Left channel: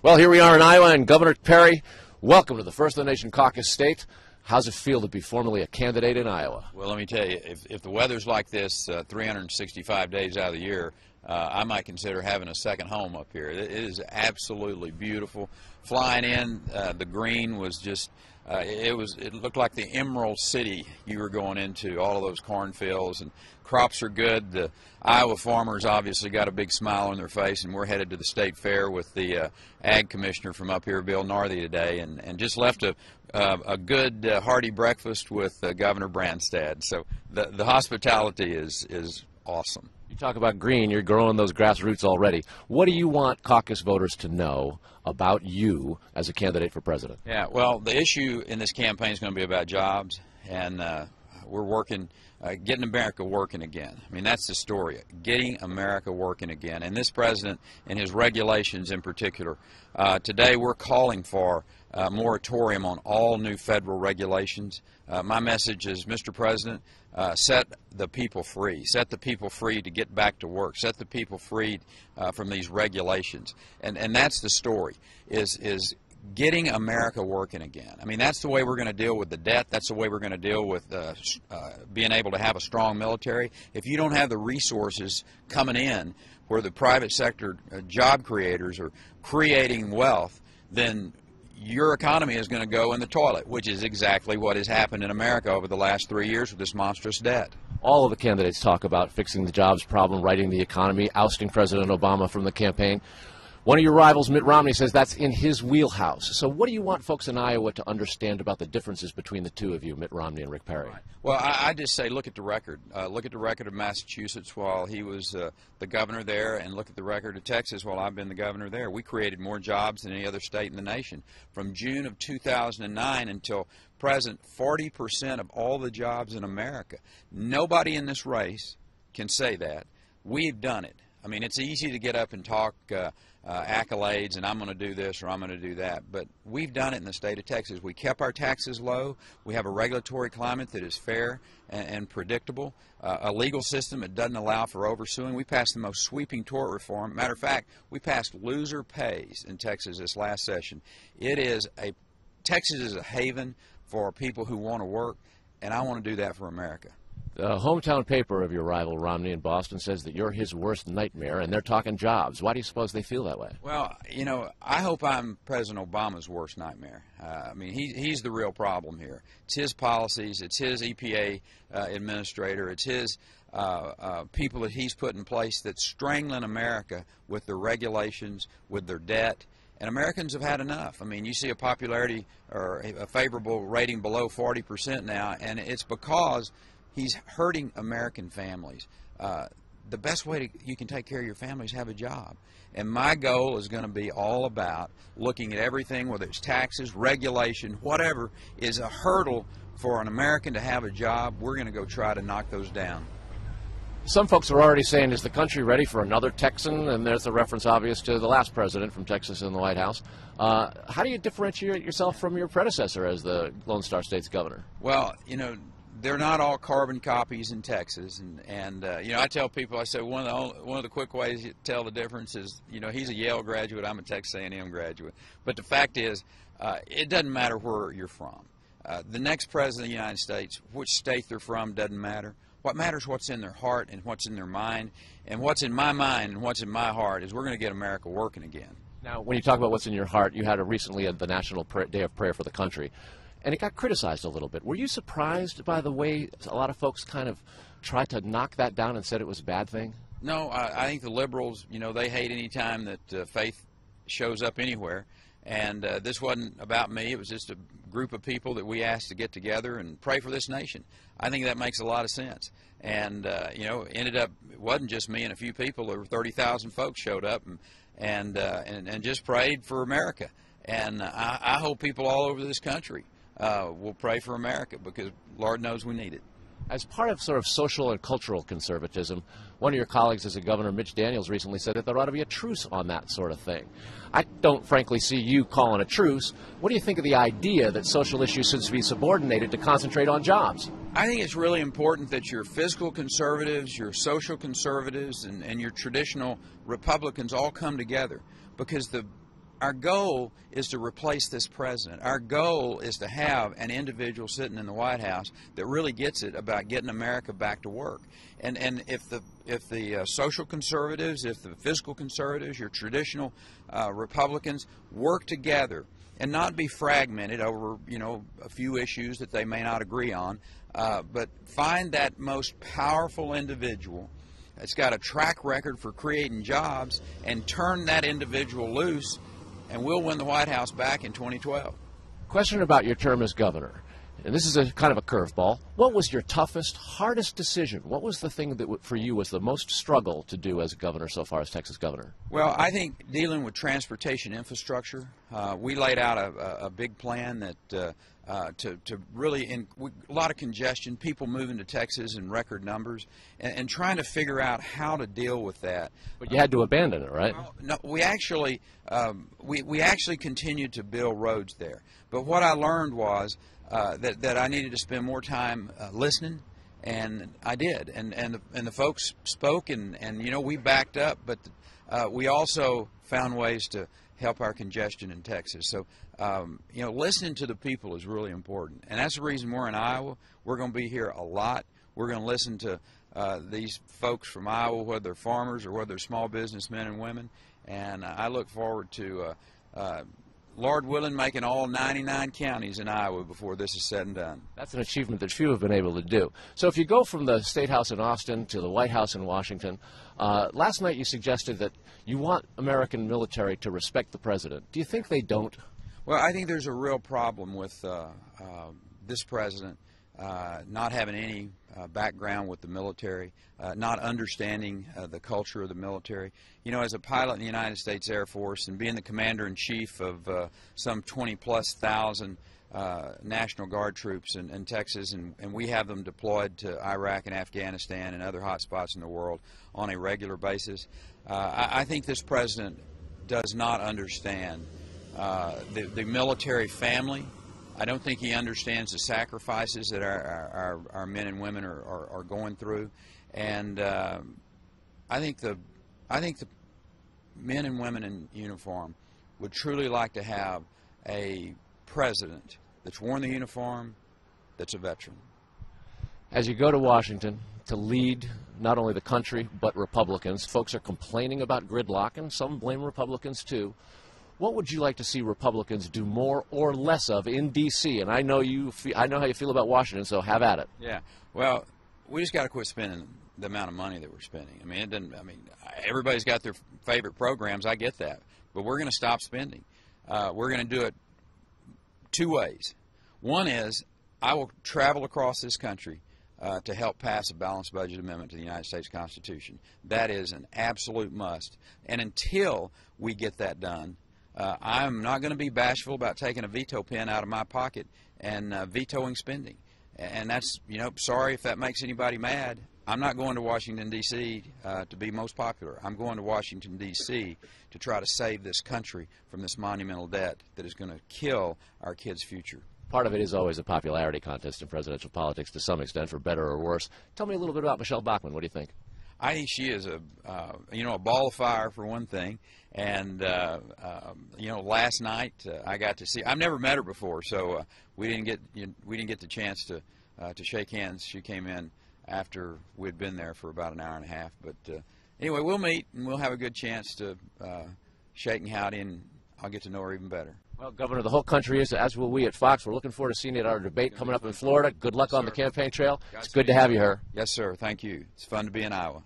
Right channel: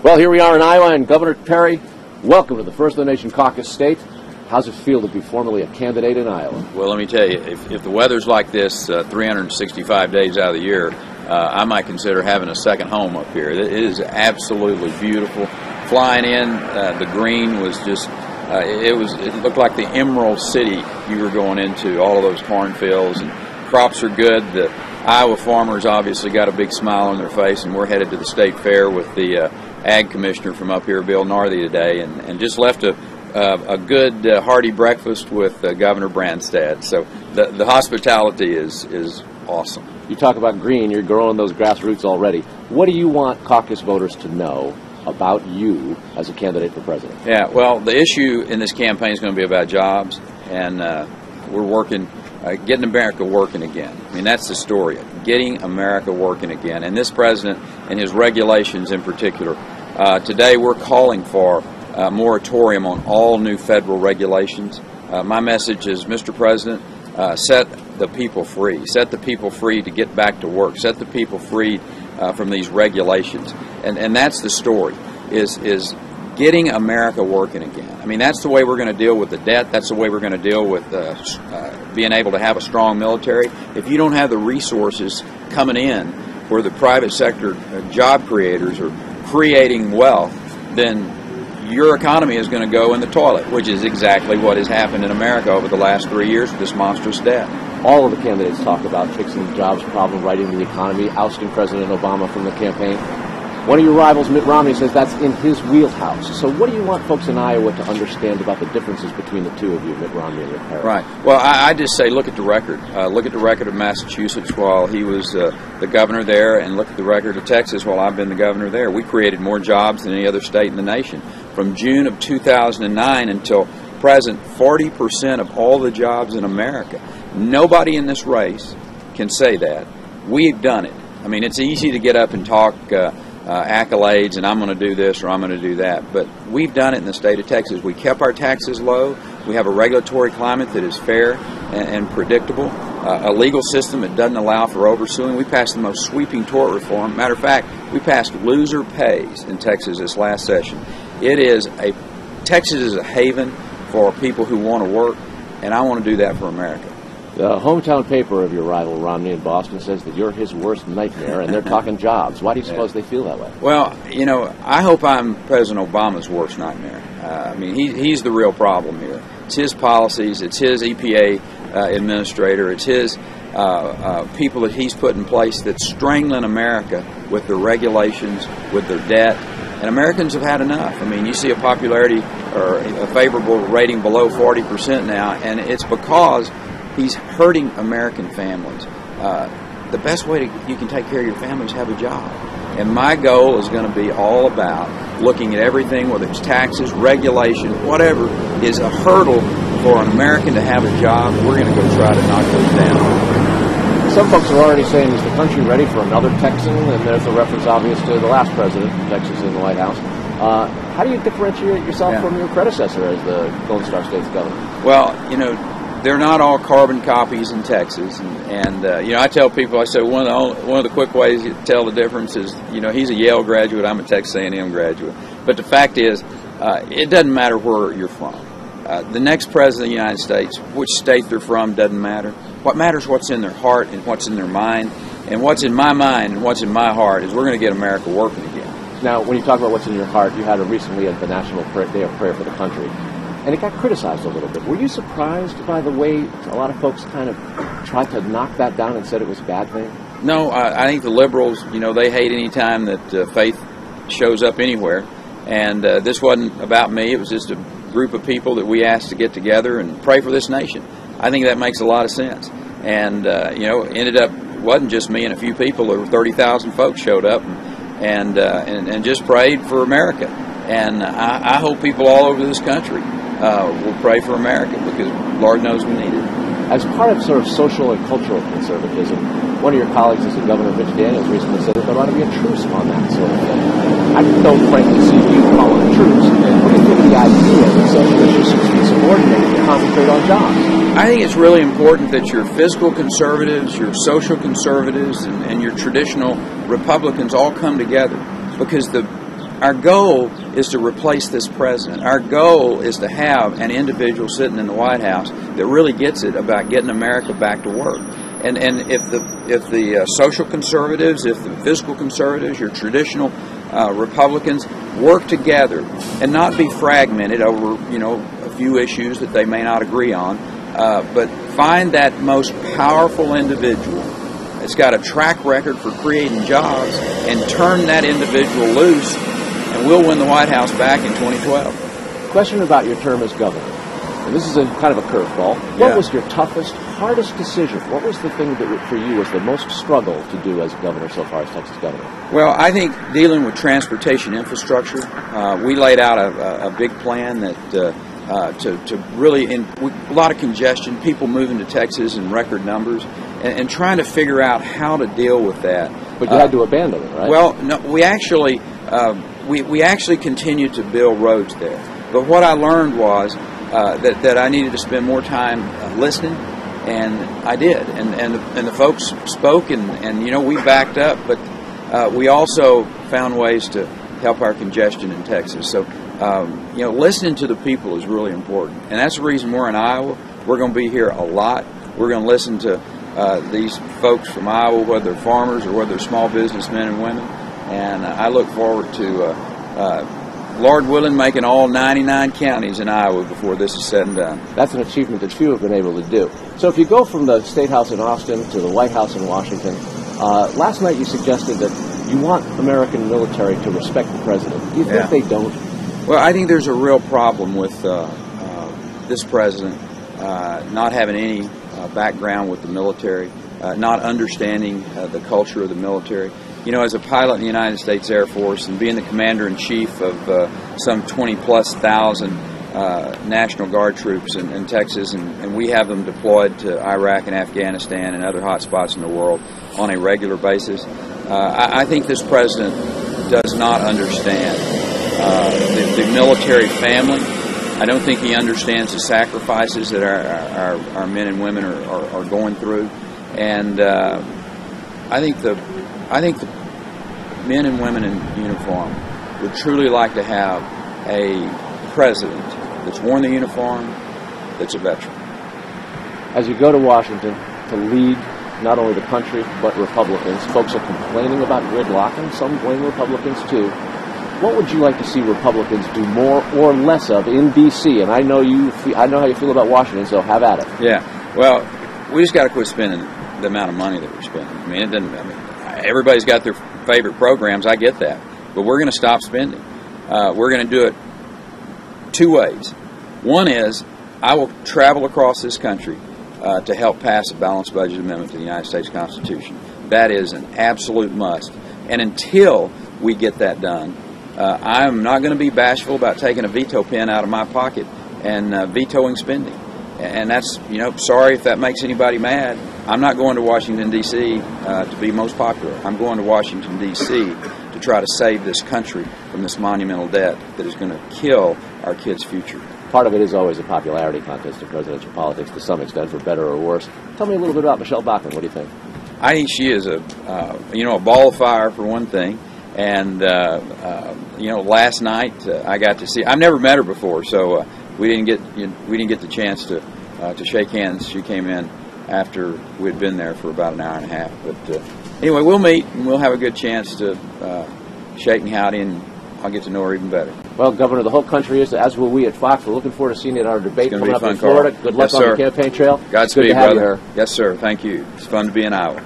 Well, here we are in Iowa, and Governor Perry, welcome to the First of the Nation Caucus State. How's it feel to be formally a candidate in Iowa? Well, let me tell you, if the weather's like this 365 days out of the year, I might consider having a second home up here. It is absolutely beautiful. Flying in, the green was just, it looked like the Emerald City you were going into, all of those cornfields, and crops are good. The Iowa farmers obviously got a big smile on their face, and we're headed to the state fair with the ag commissioner from up here, Bill Narthy, today, and just left a good hearty breakfast with Governor Branstad. So the hospitality is awesome. You talk about green, you're growing those grassroots already. What do you want caucus voters to know about you as a candidate for president? Yeah, well, the issue in this campaign is going to be about jobs, and we're working, getting America working again. I mean, that's the story, getting America working again. And this president and his regulations in particular, today we're calling for a moratorium on all new federal regulations. My message is, Mr. President, set the people free. Set the people free to get back to work. Set the people free from these regulations. And that's the story, is getting America working again. I mean, that's the way we're going to deal with the debt. That's the way we're going to deal with being able to have a strong military. If you don't have the resources coming in where the private sector job creators are creating wealth, then your economy is going to go in the toilet, which is exactly what has happened in America over the last 3 years with this monstrous debt. All of the candidates talk about fixing the jobs problem, righting the economy, ousting President Obama from the campaign. One of your rivals, Mitt Romney, says that's in his wheelhouse. So what do you want folks in Iowa to understand about the differences between the two of you, Mitt Romney and Rick Perry? Right. Well, I just say look at the record. Look at the record of Massachusetts while he was the governor there, and look at the record of Texas while I've been the governor there. We created more jobs than any other state in the nation. From June of 2009 until present, 40% of all the jobs in America. Nobody in this race can say that. We've done it. I mean, it's easy to get up and talk accolades and I'm going to do this or I'm going to do that, but we've done it in the state of Texas. We kept our taxes low. We have a regulatory climate that is fair and predictable, a legal system that doesn't allow for oversuing. We passed the most sweeping tort reform. Matter of fact, we passed loser pays in Texas this last session. Texas is a haven for people who want to work, and I want to do that for America. The hometown paper of your rival, Romney, in Boston, says that you're his worst nightmare, and they're talking jobs. Why do you suppose they feel that way? Well, you know, I hope I'm President Obama's worst nightmare. I mean, he's the real problem here. It's his policies. It's his EPA administrator. It's his people that he's put in place that's strangling America with their regulations, with their debt. And Americans have had enough. I mean, you see a popularity or a favorable rating below 40% now, and it's because he's hurting American families. The best way you can take care of your family is have a job. And my goal is going to be all about looking at everything, whether it's taxes, regulation, whatever, is a hurdle for an American to have a job. We're going to go try to knock those down. Some folks are already saying, is the country ready for another Texan? And there's a reference, obvious, to the last president from Texas in the White House. How do you differentiate yourself from your predecessor as the Lone Star State's governor? Well, you know, they're not all carbon copies in Texas, and you know, I tell people, I say one of the quick ways you tell the difference is, you know, he's a Yale graduate, I'm a Texas A&M graduate, but the fact is, it doesn't matter where you're from. The next president of the United States, which state they're from, doesn't matter. What matters is what's in their heart and what's in their mind, and what's in my mind and what's in my heart is we're going to get America working again. Now, when you talk about what's in your heart, you had it recently at the National Day of Prayer for the Country. And it got criticized a little bit. Were you surprised by the way a lot of folks kind of tried to knock that down and said it was a bad thing? No, I think the liberals, you know, they hate any time that faith shows up anywhere. And this wasn't about me. It was just a group of people that we asked to get together and pray for this nation. I think that makes a lot of sense. And, you know, ended up, it wasn't just me and a few people. Over 30,000 folks showed up and just prayed for America. And I hope people all over this country will pray for America, because Lord knows we need it. As part of sort of social and cultural conservatism, one of your colleagues as a governor, Mitch Daniels, recently said that there ought to be a truce on that sort of thing. I don't frankly see you calling a truce. What do you think of the idea that social issues should be subordinated to concentrate on jobs? I think it's really important that your fiscal conservatives, your social conservatives, and your traditional Republicans all come together, because the our goal is to replace this president. Our goal is to have an individual sitting in the White House that really gets it about getting America back to work. And if the social conservatives, if the fiscal conservatives, your traditional Republicans work together and not be fragmented over a few issues that they may not agree on, but find that most powerful individual that's got a track record for creating jobs and turn that individual loose, and we'll win the White House back in 2012. Question about your term as governor. And this is a kind of a curveball. What was your toughest, hardest decision? What was the thing that for you was the most struggle to do as governor so far as Texas governor? Well, I think dealing with transportation infrastructure, we laid out a big plan that to really, a lot of congestion, people moving to Texas in record numbers, and trying to figure out how to deal with that. But you had to abandon it, right? Well, no, we actually continued to build roads there. But what I learned was that I needed to spend more time listening, and I did. And the folks spoke, and we backed up, but we also found ways to help our congestion in Texas. So, listening to the people is really important. And that's the reason we're in Iowa. We're going to be here a lot. We're going to listen to these folks from Iowa, whether they're farmers or whether they're small businessmen and women. And I look forward to, Lord willing, making all 99 counties in Iowa before this is said and done. That's an achievement that few have been able to do. So if you go from the State House in Austin to the White House in Washington, last night you suggested that you want American military to respect the president. Do you think they don't? Well, I think there's a real problem with this president not having any background with the military, not understanding the culture of the military. As a pilot in the United States Air Force and being the commander-in-chief of some 20-plus thousand National Guard troops in Texas, and we have them deployed to Iraq and Afghanistan and other hot spots in the world on a regular basis, I think this president does not understand the military family. I don't think he understands the sacrifices that our men and women are going through, and I think the men and women in uniform would truly like to have a president that's worn the uniform, that's a veteran. As you go to Washington to lead not only the country but Republicans, folks are complaining about gridlock, and some blame Republicans too. What would you like to see Republicans do more or less of in D.C.? And I know how you feel about Washington, so have at it. Yeah. Well, we just got to quit spending the amount of money that we're spending. I mean, everybody's got their favorite programs. I get that, but we're going to stop spending. We're going to do it two ways. One is I will travel across this country to help pass a balanced budget amendment to the United States Constitution. That is an absolute must. And until we get that done, I'm not going to be bashful about taking a veto pen out of my pocket and vetoing spending. And that's, sorry if that makes anybody mad. I'm not going to Washington, D.C. To be most popular. I'm going to Washington, D.C. to try to save this country from this monumental debt that is going to kill our kids' future. Part of it is always a popularity contest in presidential politics to some extent, for better or worse. Tell me a little bit about Michelle Bachmann. What do you think? I think she is a ball of fire, for one thing. And, last night I got to see, I've never met her before, so we didn't get the chance to shake hands. She came in after we'd been there for about an hour and a half. But anyway, we'll meet and we'll have a good chance to shake and howdy, and I'll get to know her even better. Well, Governor, the whole country is, as will we at Fox. We're looking forward to seeing you at our debate coming up in Florida. Good luck on the campaign trail. Godspeed, good to have brother. you here. Yes, sir. Thank you. It's fun to be in Iowa.